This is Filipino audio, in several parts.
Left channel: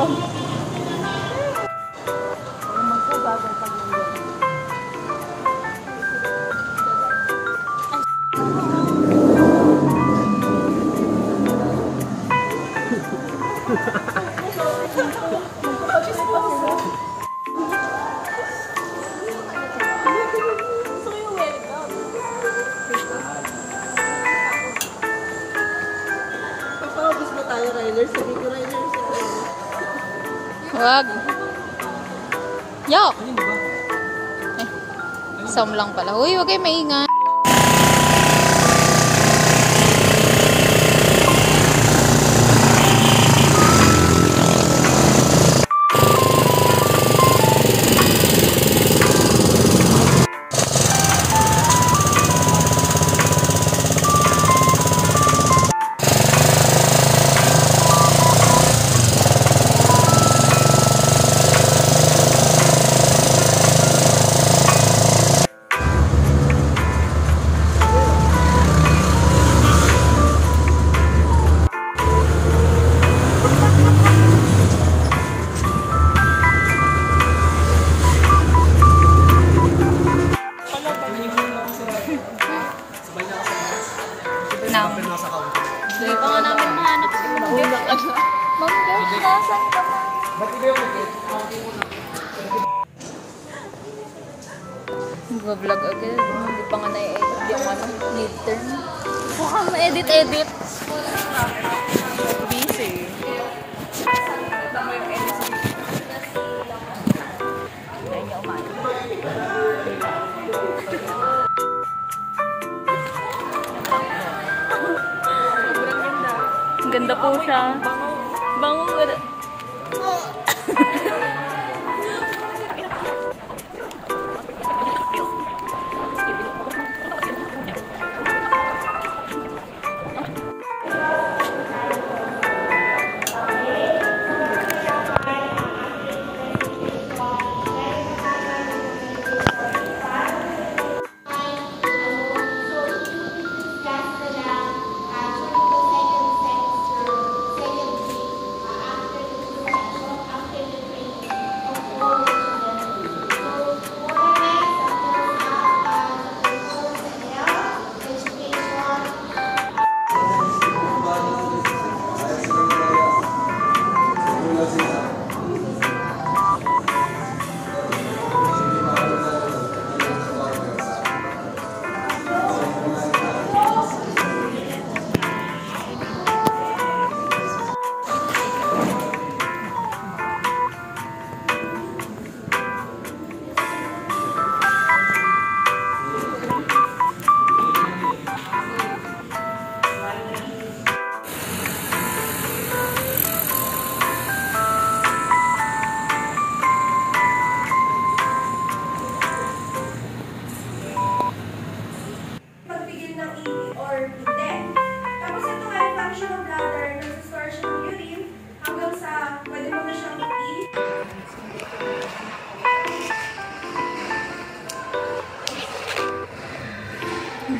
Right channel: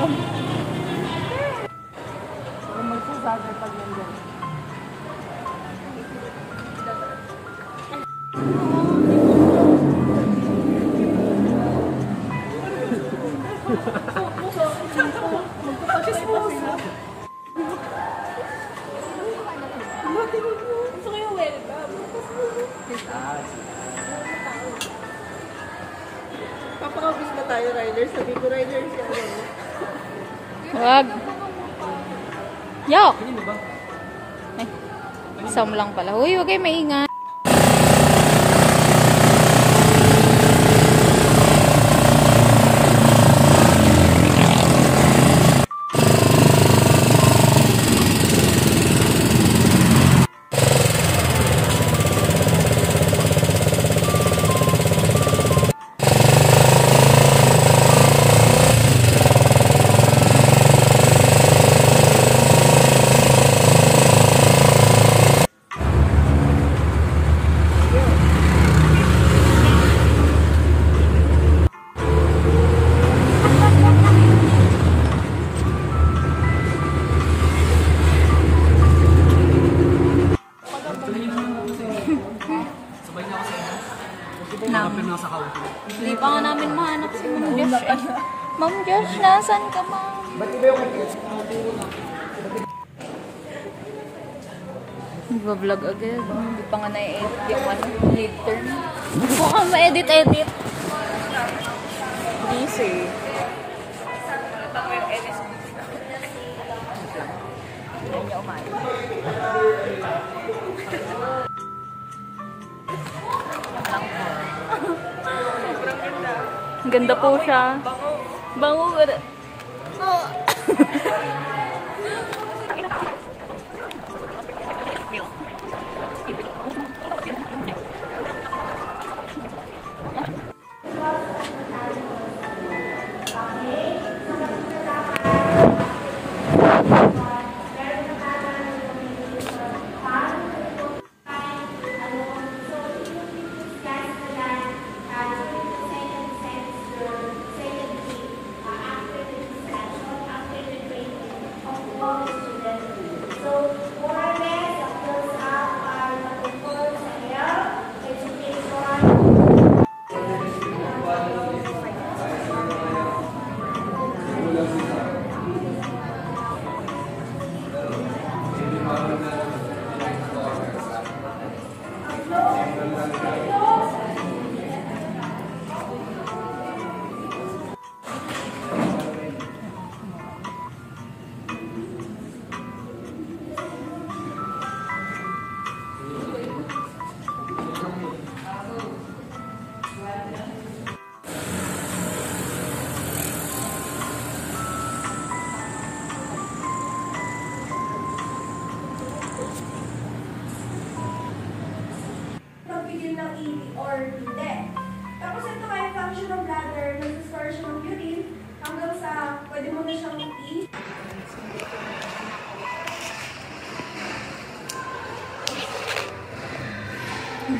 Ano mo gagawin pag nandun? Papakabos ba tayo, Ryler? Sabi ko, Ryler, Wag. Yok. Isam lang pala. Uy, wag kayo maingay. Hindi pa nga namin mahanap si Ma'am Josh. Ma'am Josh, nasan ka, Ma'am? Nag-vlog agad. Hindi pa nga na-edit yung midterm. Baka ma-edit-edit. Busy. Ayun niya umain. Ang ganda po siya. Bango.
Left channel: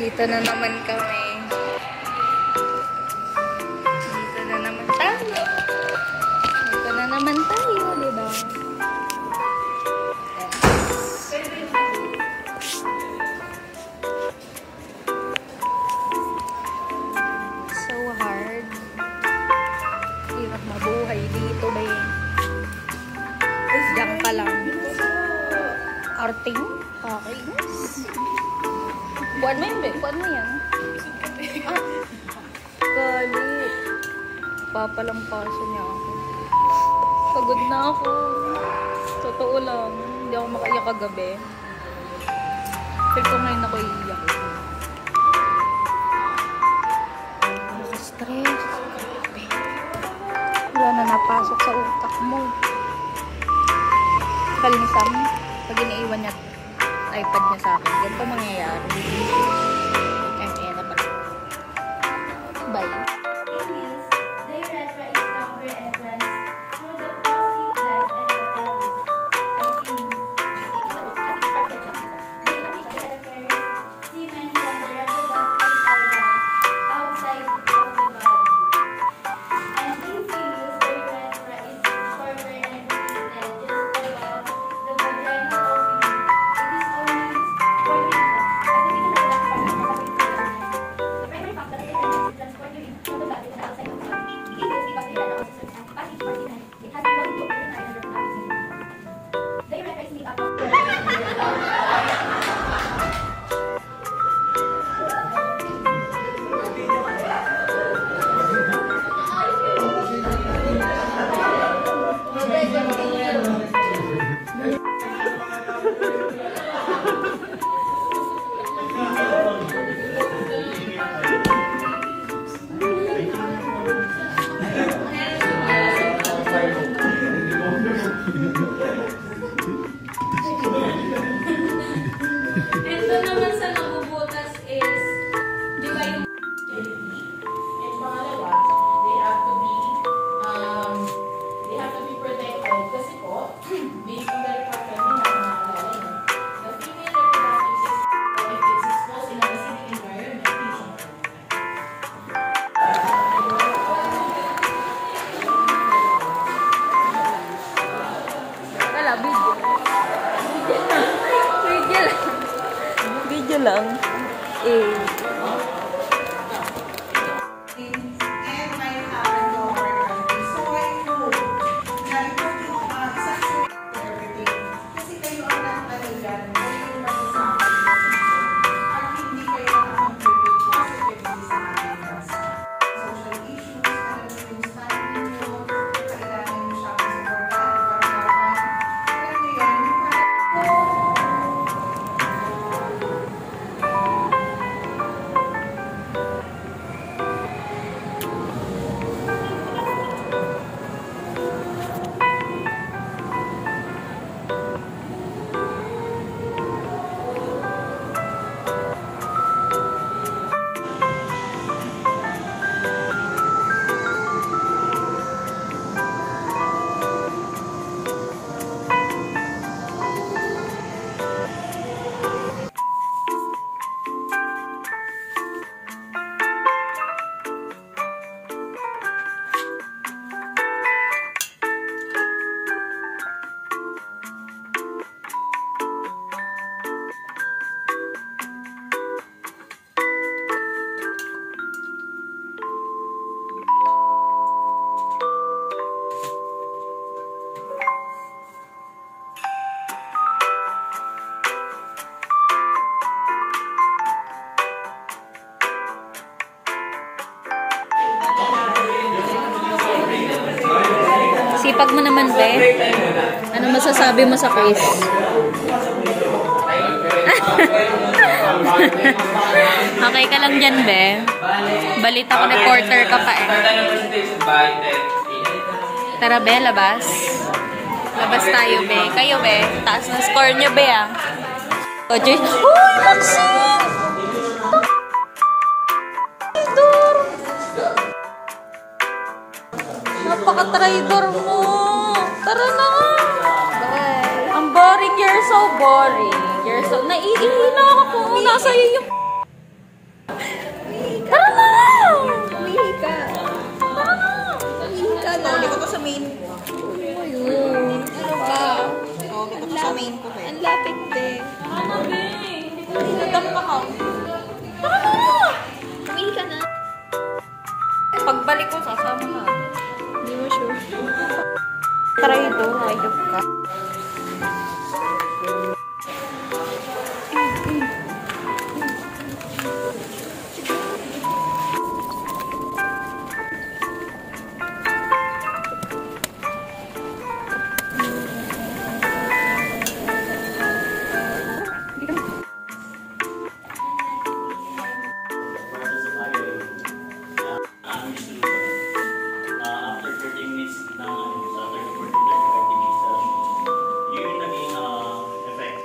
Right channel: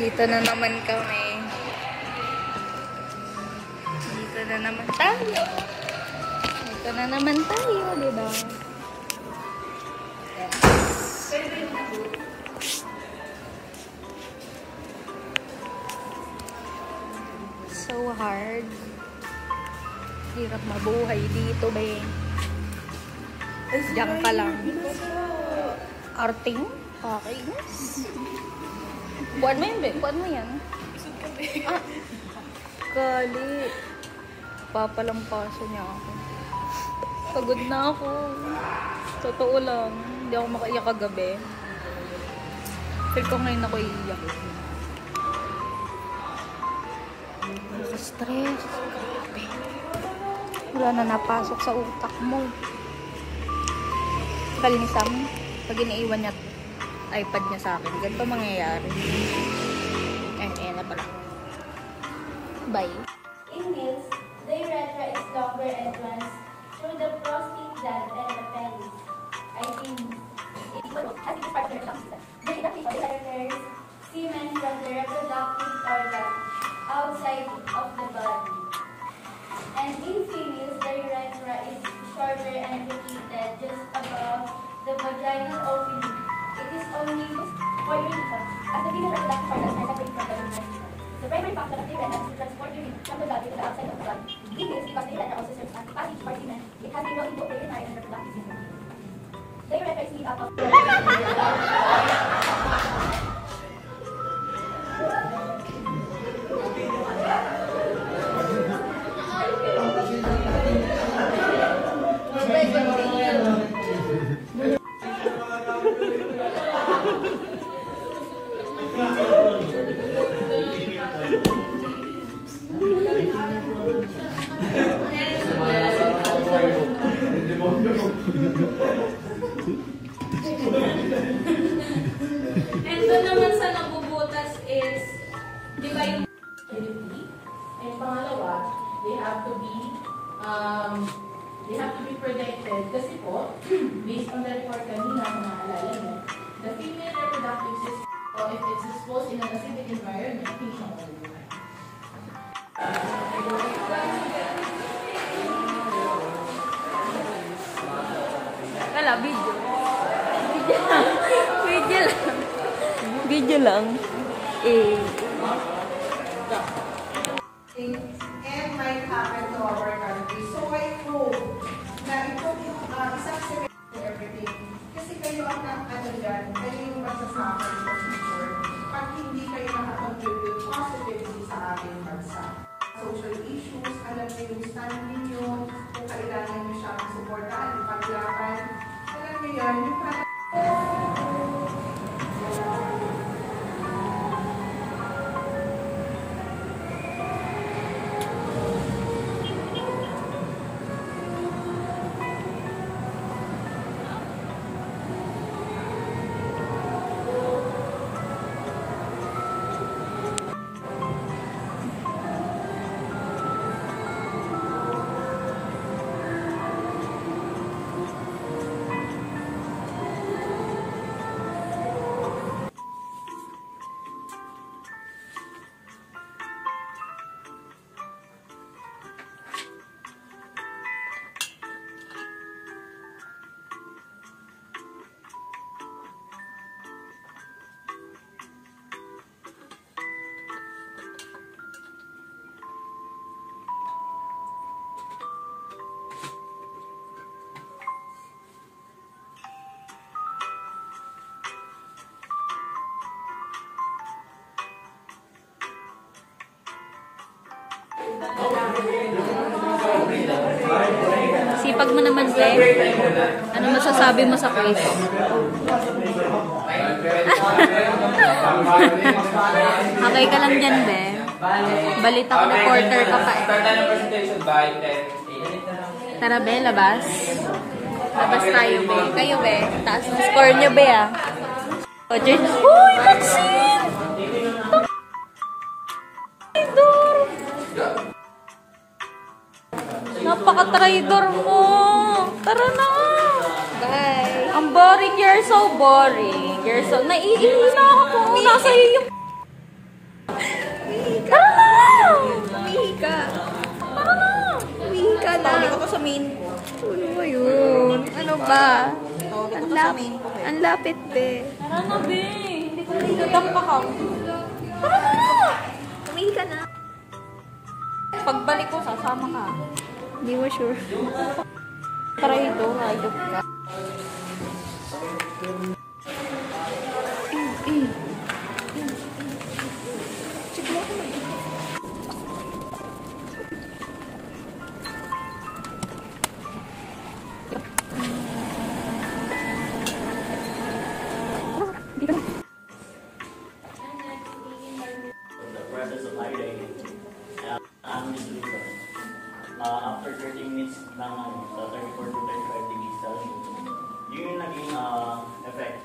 Dito na naman kami. Dito na naman tayo. Dito na naman tayo, diba? So hard. Hirap mabuhay dito, ba? Diyan ka lang. Arting? Okay. Buwan mo yun, be? Buwan mo yan. Ah, gali. Papalampaso niya ako. Pagod na ako. Totoo lang. Hindi ako makaiyak kagabi. Feel ko ngayon ako iiyak. Nakaka-stress. Grabe. Wala na napasok sa utak mo. Kal ni Sam, pag iniiwan niya iPad niya sa akin, ganito mangyayari. Ayan na pala. Bye. Inhales, the urethra is longer and runs through the prostate gland and the pelvis. I think semen from the reproductive organ outside of the body. And in females, the urethra is shorter And doon naman sa nabubutas is, di ba yung And pangalawa, they have to be protected kasi po, based on the report kanina na naalala nyo, the female reproductive system, if it's exposed in an acidic environment, hindi siya mabubuhay. wala, video. Video lang. Video lang. Video lang. Eh. And may happen to our country. So I hope na ipag yung isang survey and everything. Kasi kayo ang nakataligan, kayo yung masasabi ng future. At hindi kayo nakapag-contribute positively sa ating bansa. Social issues, alam mo yung standing nyo, kailangan nyo siya supportan, ipag-laban. Alam mo yun, yung parang Sipag mo naman, Be. Ano masasabi mo sa quiz? Okay ka lang dyan, Be. Balita ko reporter ka pa eh. Tara, Be, labas. Labas tayo, Be. Kayo, Be. Taas na score niyo, Be, ah. Uy, Maxine! Traidor! Napaka-traidor mo! Tara na! Bye! Ang boring, you're so boring. You're so... Naiihi na ako kung nasa iyo yung... Tara na! umihi ka. Tara na! Umihi ka na. Tawag ko to sa main ko. Ano ba yun? Ano ba? Tawag ko to sa main ko. Ang lapit, Be. Tara na, Be. Hindi ko na dampa ka. Tara na! Umihi ka na. Pagbalik ko, sasama ka. Hindi mo sure. Traidor, hayop ka. Process of highway, after 30 minutes ng sa 34 to 35 degrees Celsius, yun yung naging effect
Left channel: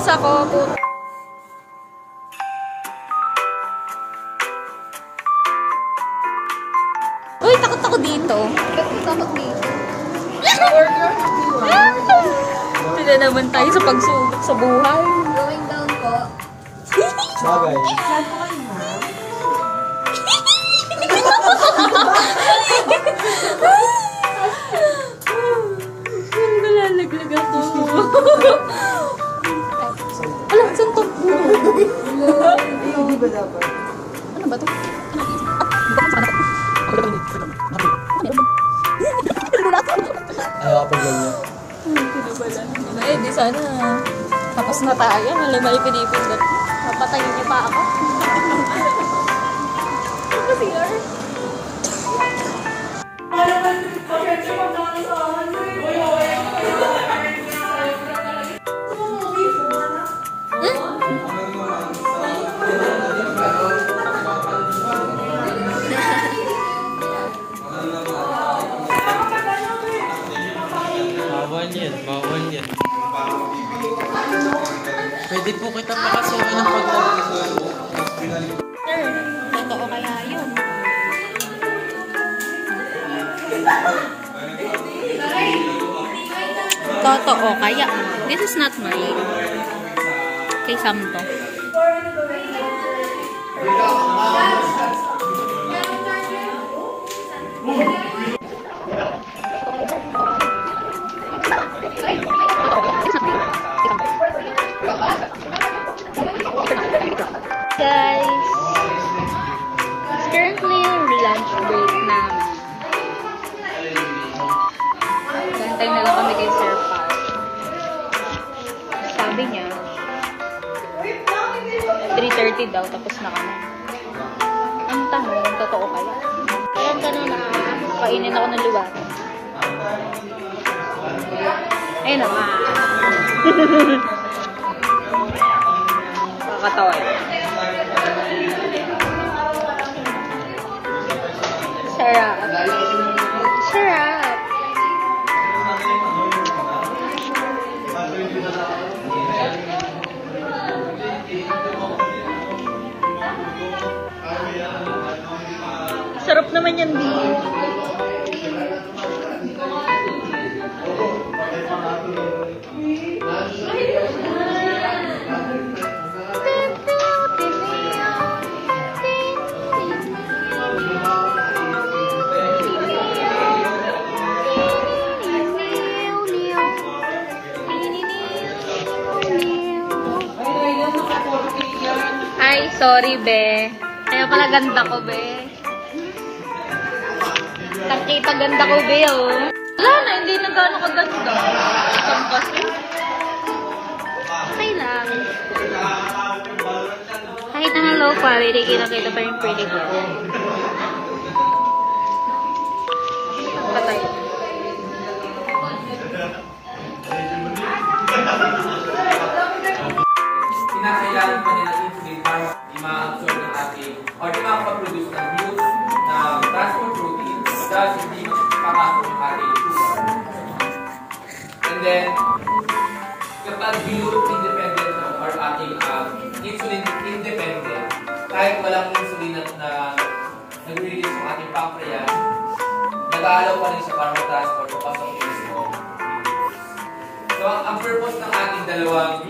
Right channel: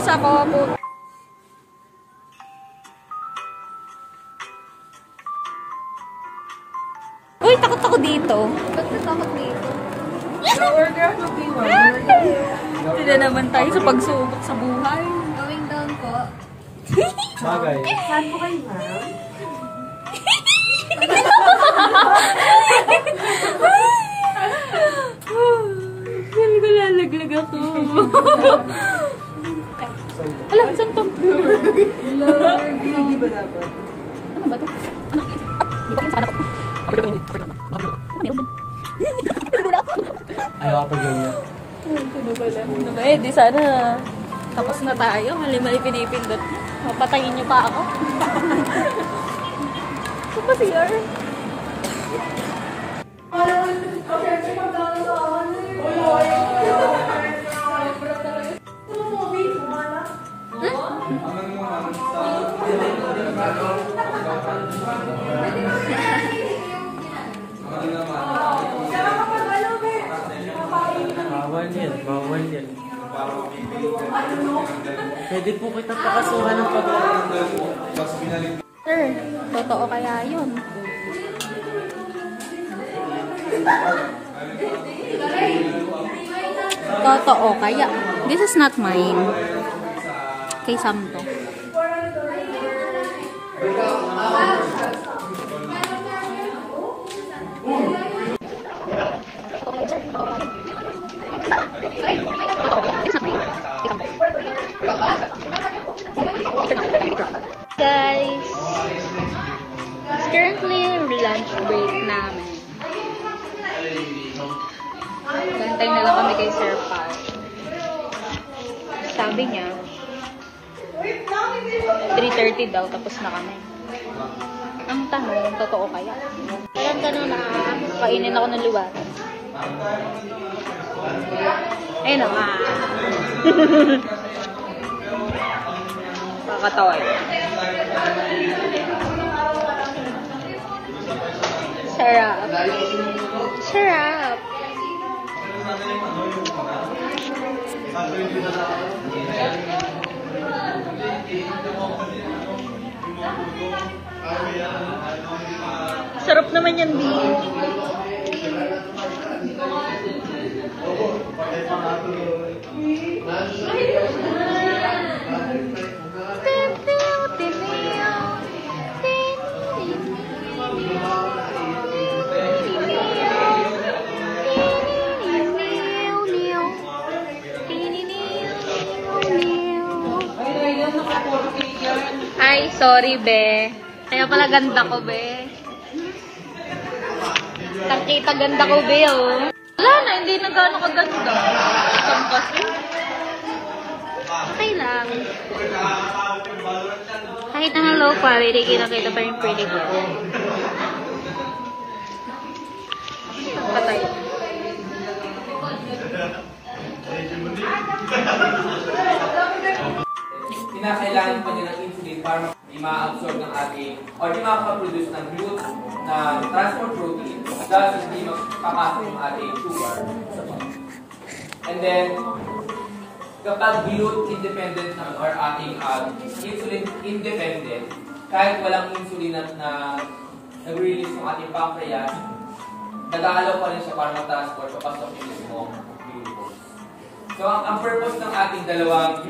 guys, ako po. Uy, takot ako dito. Takot dito. Sila naman tayo sa pagsubok sa buhay. Going down po. Bagay. Saan po kayo, ma'am? Hindi ko lalaglag ako. Alam, saan to? Hindi ba dapat? Ano ba to? Ano? Di ba kung saan ako? Ayaw ka pa ganyan. Ano ba lang? Eh, di sana. Tapos na tayo. Mali-mali pinipindot. Mapatayin niyo pa ako. Ano ba siya? Bawal yan, bawal yan. Pwede po kita pakasuhan ng Totoo kaya yun? Totoo kaya? This is not mine. Kay Sam to. Guys, it's currently lunch break namin. Gantay na lang kami kay Sir Pat. Sabi niya, 3:30 daw, tapos na kami. Ang tanong, totoo kaya? Kaya tanong na, kainin ako ng luwa. Ayun na, kakatawa yun. Sarap. Sarap. Sarap naman yan, Di. Ay, sorry, be. Kaya pala ganda ko, be. Nakita ganda ko, be, oh. Wala na, hindi na gano'ng kaganda. Isang kasi. Okay lang. Kahit na low quality, kinakita pa yung pretty girl. Patay. Kinakailangan pa nila insulin para i-ma-absorb ng ating or di makaproduce ng glute, ng transport protein, dahil hindi papasok yung ating sugar. And then, kapag glute independent na or ating insulin independent, kahit walang insulin na nag-release ng ating pancreas, nag-aalaw pa rin siya para ma-transport papasok yung mismo glucose. So, ang purpose ng ating dalawang